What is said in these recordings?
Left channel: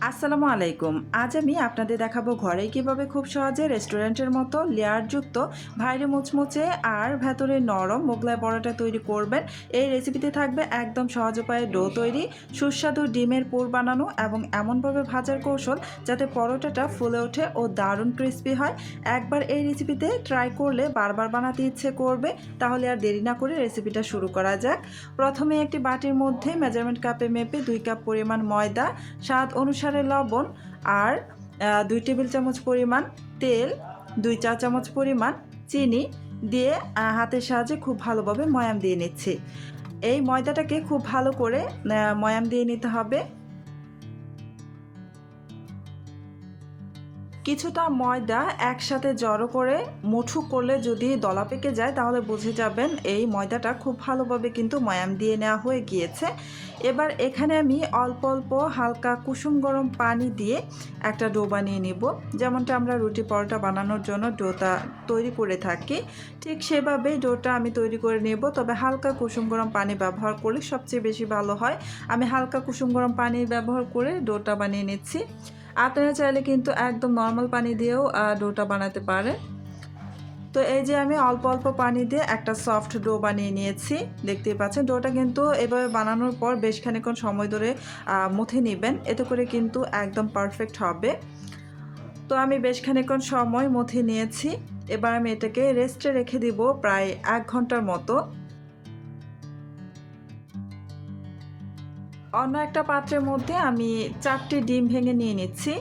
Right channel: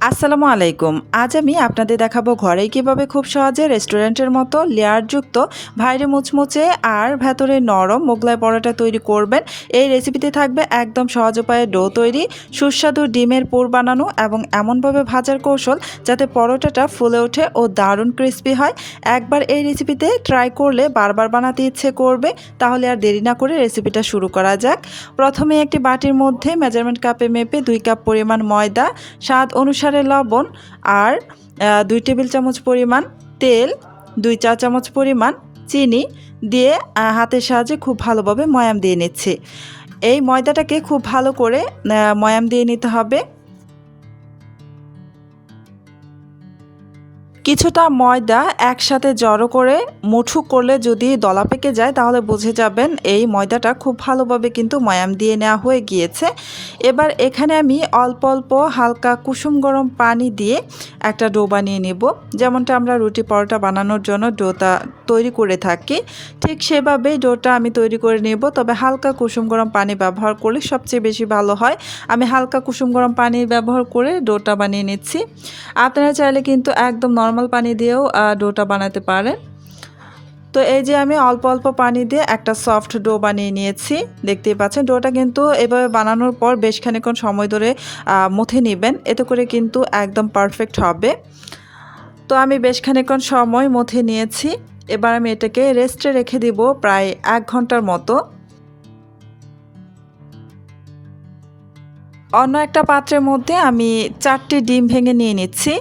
আসসালামু আলাইকুম। আজ আমি আপনাদের দেখাবো ঘরেই কিভাবে খুব সহজে রেস্টুরেন্টের মতো লেয়ারযুক্ত বাইরে মুচমুচে আর ভেতরে নরম মোগলাই পরোটা তৈরি করবেন। এই রেসিপিতে থাকবে একদম সহজ উপায়ে ডো তৈরি, সুস্বাদু ডিমের পুর বানানো এবং এমনভাবে ভাজার কৌশল যাতে পরোটাটা ফুলে ওঠে ও দারুণ ক্রিস্পি হয়। একবার এই রেসিপিতে ট্রাই করলে বারবার বানাতে ইচ্ছে করবে। তাহলে আর দেরি না করে রেসিপিটা শুরু করা যাক। প্রথমে একটি বাটির মধ্যে মেজারমেন্ট কাপে মেপে 2 কাপ পরিমাণ ময়দা, স্বাদ অনুসারে লবণ আর 2 টেবিল চামচ পরিমাণ তেল, 2 চা চামচ পরিমাণ চিনি দিয়ে হাতের সাহায্যে খুব ভালোভাবে ময়াম দিয়ে নিচ্ছি। এই ময়দাটাকে খুব ভালো করে ময়াম দিয়ে নিতে হবে। কিছুটা ময়দা একসাথে জড়ো করে মুঠো করলে যদি দলা পেকে যায় তাহলে বুঝে যাবেন এই ময়দাটা খুব ভালোভাবে কিন্তু ময়াম দিয়ে নেওয়া হয়ে গিয়েছে। এবার এখানে আমি অল্প অল্প হালকা কুসুম গরম পানি দিয়ে একটা ডো বানিয়ে নেব। যেমনটা আমরা রুটি পরোটা বানানোর জন্য ডোটা তৈরি করে থাকি, ঠিক সেভাবেই ডোটা আমি তৈরি করে নেব। তবে হালকা কুসুম গরম পানি ব্যবহার করলে সবচেয়ে বেশি ভালো হয়। আমি হালকা কুসুম গরম পানি ব্যবহার করে ডোটা বানিয়ে নিচ্ছি। আপনারা চাইলে কিন্তু একদম নর্মাল পানি দিয়েও ডোটা বানাতে পারেন। তো এই যে আমি অল্প অল্প পানি দিয়ে একটা সফট ডো বানিয়ে নিয়েছি। দেখতেই পাচ্ছেন ডোটা কিন্তু এভাবে বানানোর পর বেশ খানিকক্ষণ সময় ধরে মথে নেবেন, এতে করে কিন্তু একদম পারফেক্ট হবে। তো আমি বেশ খানিকক্ষণ সময় মথে নিয়েছি। এবার আমি এটাকে রেস্টে রেখে দিব প্রায় 1 ঘন্টার মতো। অন্য একটা পাত্রের মধ্যে আমি 4টি ডিম ভেঙে নিয়ে নিচ্ছি।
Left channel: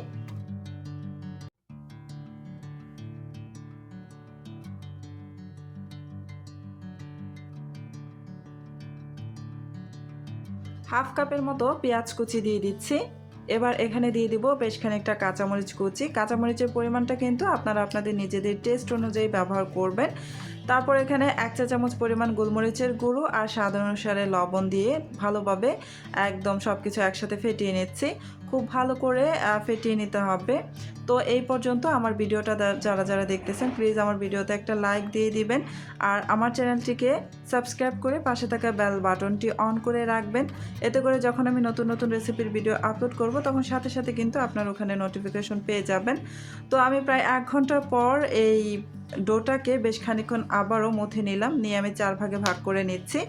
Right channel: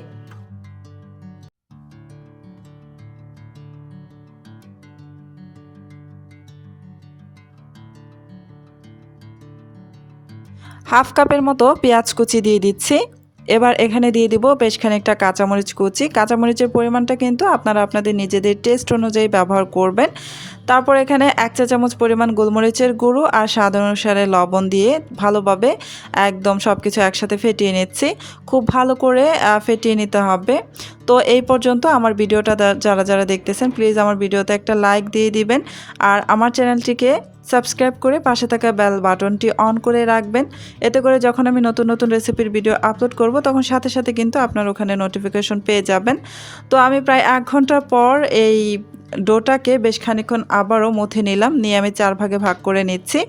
হাফ কাপের মতো পেঁয়াজ কুচি দিয়ে দিচ্ছি। এবার এখানে দিয়ে দিব বেশ খানিকটা কাঁচামরিচ কুচি। কাঁচামরিচের পরিমাণটা কিন্তু আপনারা আপনাদের নিজেদের টেস্ট অনুযায়ী ব্যবহার করবেন। তারপর এখানে 1 চা চামচ পরিমাণ গোলমরিচের গুঁড়ো আর স্বাদ অনুসারে লবণ দিয়ে ভালোভাবে একদম সব কিছু একসাথে ফেটিয়ে নিচ্ছি। খুব ভালো করে ফেটিয়ে নিতে হবে। তো এই পর্যন্ত আমার ভিডিওটা যারা দেখতেছেন প্লিজ আমার ভিডিওতে একটা লাইক দিয়ে দিবেন আর আমার চ্যানেলটিকে সাবস্ক্রাইব করে পাশে থাকা বেল বাটনটি অন করে রাখবেন। এতে করে যখন আমি নতুন নতুন রেসিপির ভিডিও আপলোড করব তখন সাথে সাথে কিন্তু আপনার ওখানে নোটিফিকেশন পেয়ে যাবেন। তো আমি প্রায় 1 ঘন্টা পর এই ডোটাকে বেশ খানিকক্ষণ আবারও মথে নিলাম, নিয়ে আমি 4 ভাগে ভাগ করে নিচ্ছি।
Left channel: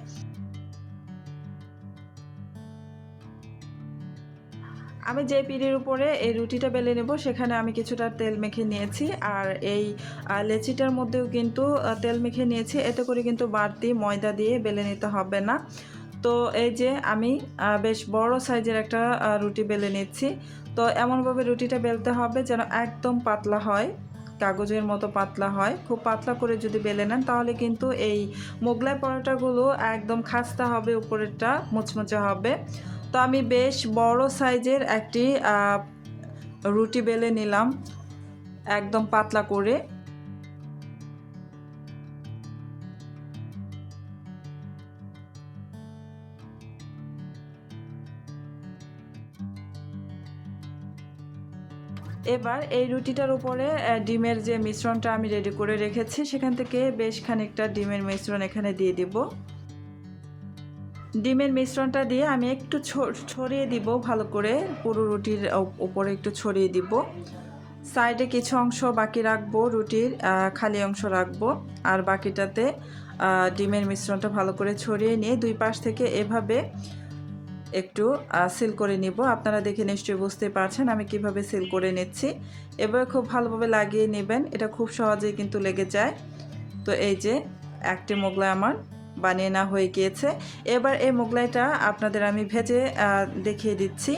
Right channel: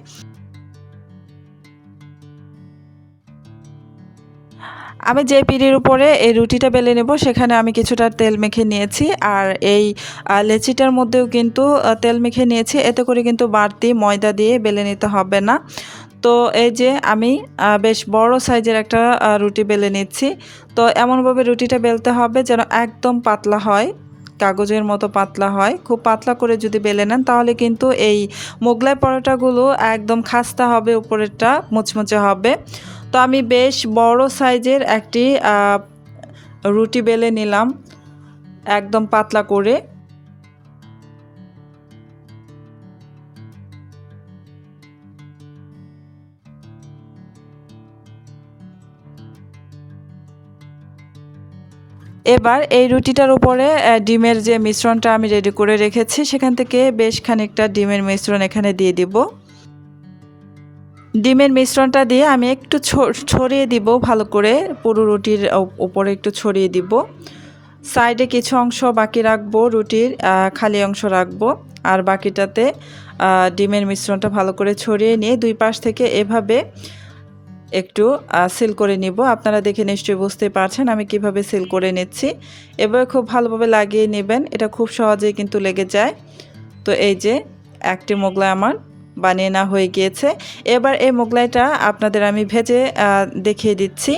আমি যে পিঁড়ির উপরে এই রুটিটা বেলে নেব সেখানে আমি কিছুটা তেল মেখে নিয়েছি আর এই লেচিটার মধ্যেও কিন্তু তেল মেখে নিয়েছি, এতে করে কিন্তু বাড়তি ময়দা দিয়ে বেলে নিতে হবে না। তো এই যে আমি বেশ বড় সাইজের একটা রুটি বেলে নিচ্ছি। তো এমনভাবে রুটিটা বেলতে হবে যেন একদম পাতলা হয়, কাগজের মতো পাতলা হয়। খুব পাতলা করে যদি বেলে নেন তাহলে কিন্তু এই মোগলাই পরোটাগুলো একদম খাস্তা হবে, উপরেরটা মুচমুচে হবে। তো আমি বেশ বড় সাইজের একটি রুটি বেলে নিলাম একদম পাতলা করে। এবার এই রুটিটার উপরে ডিমের যে মিশ্রণটা আমি রেডি করে রেখেছি সেখান থেকে বেশ খানিকটা ডিমের মিশ্রণ এখানে দিয়ে দিব। ডিমের মিশ্রণটা দিয়ে আমি একটু ছড়িয়ে দিব ভালো করে, পুরো রুটির উপরে একটু ছড়িয়ে দিব। সাইডে কিছু অংশ বাকি রাখবো, রুটির খালি অংশ রাখবো আর বাকিটাতে ডিমের মিশ্রণটা ভালো করে ছড়িয়ে নিয়ে দুই পাশ থেকে এভাবে একটু সিল করে নিব। আপনারা দেখে নিশ্চয়ই বুঝতে পারছেন আমি কিভাবে সিল করে নিচ্ছি। এবার খুব ভালোভাবে লাগিয়ে নেবেন, এটা খুব সহজেই কিন্তু লেগে যায়। তো এই যে একটি মোগলাই আমার বানিয়ে নেওয়া হয়ে গিয়েছে। এবার এই মোগলাইটা আপনাদের আমি ভেজে দেখিয়ে দিচ্ছি।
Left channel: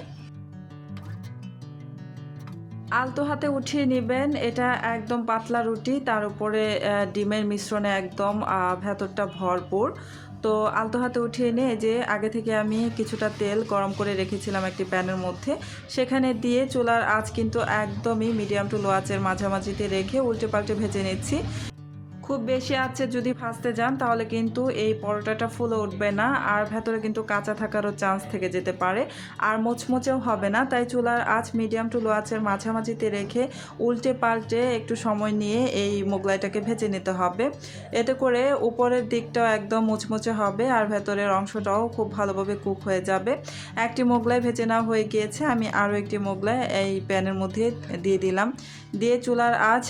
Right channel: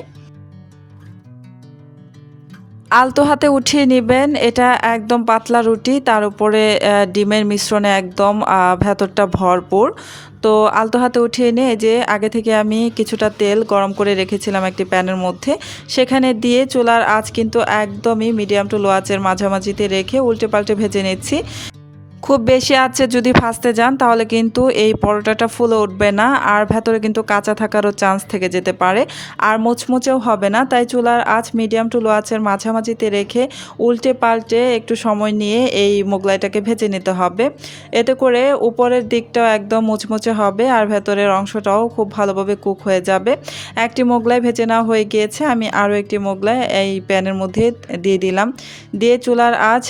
আলতো হাতে উঠিয়ে নেবেন, এটা একদম পাতলা রুটি, তার উপরে ডিমের মিশ্রণে একদম ভেতরটা ভরপুর। তো আলতো হাতে উঠিয়ে নিয়ে যে আগে থেকে আমি কিছুটা তেল গরম করে রেখেছিলাম একটি প্যানের মধ্যে, সেখানে দিয়ে চুলার আঁচ কিন্তু একদমই মিডিয়াম টু লো আঁচের মাঝামাঝিতে রেখে উল্টে পাল্টে ভেজে নিচ্ছি। খুব বেশি আঁচে যদি ভাজতে যান তাহলে কিন্তু এই পরোটাটা ফুলে উঠবে না, আর ভেতরে কিন্তু কাঁচা থাকারও চান্স থেকে যেতে পারে, আর মুচমুচেও হবে না। তাই চুলার আঁচ মিডিয়াম টু লো আঁচের মাঝামাঝিতে রেখে উল্টে পাল্টে একটু সময় নিয়ে এই মোগলাইটাকে ভেজে নিতে হবে। এতে করে উপরের দিকটাও একদম মুচমুচে হবে আর ভেতরের অংশটাও খুব ভালোভাবে কুক হয়ে যাবে। একটি মোগলাই ভেজে নেওয়া হয়ে গিয়েছে, আমি আরও একটি মোগলাই এই প্যানের মধ্যে দিয়ে দিলাম। দিয়ে চুলার আঁচ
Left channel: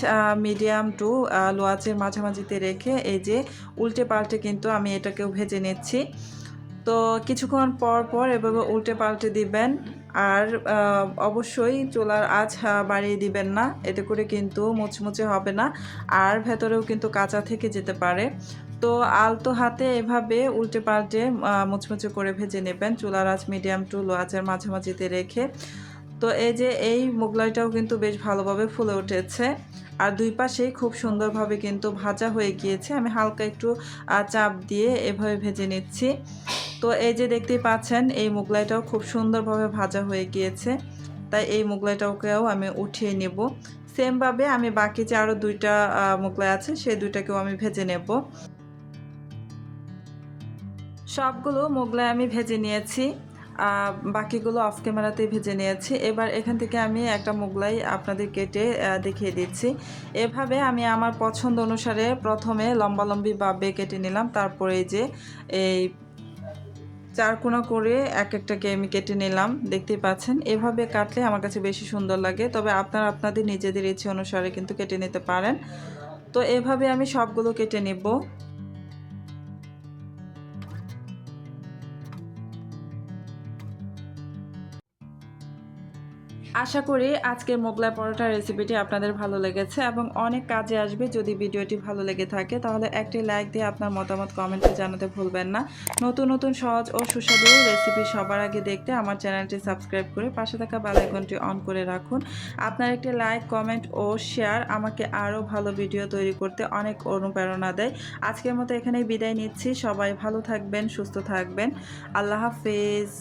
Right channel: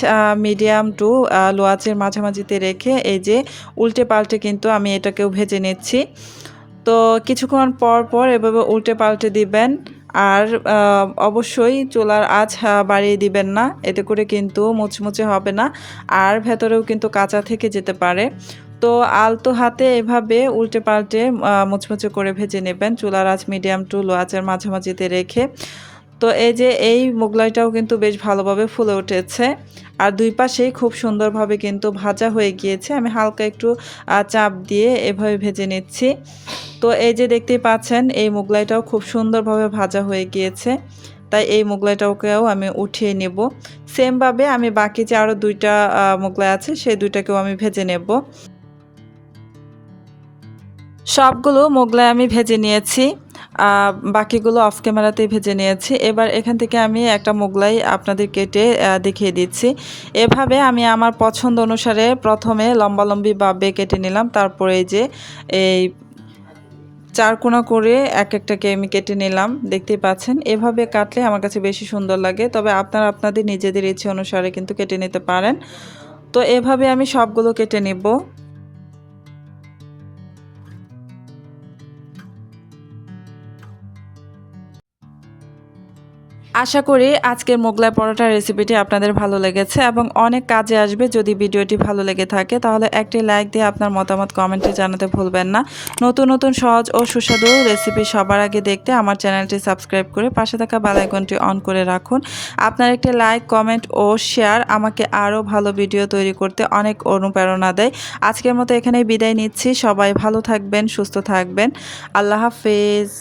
মিডিয়াম টু লো আঁচের মাঝামাঝিতে রেখে এই যে উল্টে পাল্টে কিন্তু আমি এটাকেও ভেজে নিচ্ছি। তো কিছুক্ষণ পর পর এভাবে উল্টে পাল্টে দিবেন, আর অবশ্যই চুলার আঁচ বাড়িয়ে দিবেন না, এতে করে কিন্তু মুচমুচে হবে না আর ভেতরেও কিন্তু কাঁচা থেকে যেতে পারে। তো আলতো হাতে এভাবে উল্টে পাল্টে মুচমুচে করে ভেজে নেবেন চুলার আঁচ মিডিয়াম টু লো আঁচের মাঝামাঝিতে রেখে। তো এই যে এই মোগলাইটাও কিন্তু বেশ ভালোভাবে ফুলে উঠেছে আর দুই পাশেই খুব সুন্দরভাবে কিন্তু ভাজা হয়ে গিয়েছে। আমি হালকা একটু চাপ দিয়ে এভাবে ভেজে নিচ্ছি। তো এই যে দেখতেই পাচ্ছেন এই মোগলাইটাও খুব সুন্দরভাবে ভাজা হয়ে গিয়েছে, তাই এই মোগলাইটাকেও আমি উঠিয়ে নেব। সেমভাবে আমি বাকি যে আরও দুইটা মোগলাই আছে সেই দুইটাকেও আমি ভেজে নেব। সবগুলো মোগলাই আমি ভেজে নিয়েছি, বাকিগুলো অফ ক্যামেরাতেই ভেজে নিয়েছি। এবার এখান থেকে আমি একটা মোগলাই আপনাদের কেটে দেখিয়ে দিচ্ছি। এভাবে আমি আমার পছন্দ অনুসারে প্রথমে লম্বালম্বি ভাবে কেটে নিলাম, তারপরে এই যে এই চারকোনা করে এক একটাকে আমি কেটে নিলাম, দেখতেই পাচ্ছেন। এভাবে কাটলে আমার কাছে বেশি সুন্দর লাগে, তবে আপনারা আপনাদের নিজেদের ইচ্ছে অনুসারে কিন্তু কেটে নিতে পারেন। তো এভাবে আমি সবগুলো কেটে নেব। আশা করি আজকের মোগলাই পরোটার রেসিপিটি আপনাদের ভালো লেগেছে এবং অনেক কাজে আসবে। যদি ভিডিওটি ভালো লেগে থাকে তাহলে একটি লাইক দিয়ে আপনার মতামত কমেন্টে জানাতে ভুলবেন না। নতুন নতুন সহজ ও সুস্বাদু রেসিপি সবার আগে দেখতে আমার চ্যানেলটি সাবস্ক্রাইব করে পাশে থাকা বেল আইকনটি অন করে রাখুন। আপনার একটি লাইক, কমেন্ট ও শেয়ার আমাকে আরও ভালো ভিডিও তৈরি করতে অনেক অনুপ্রেরণা দেয়। আজকের মতো এখানেই বিদায় নিচ্ছি। সবাই ভালো থাকবেন, সুস্থ থাকবেন। আল্লাহ হাফেজ।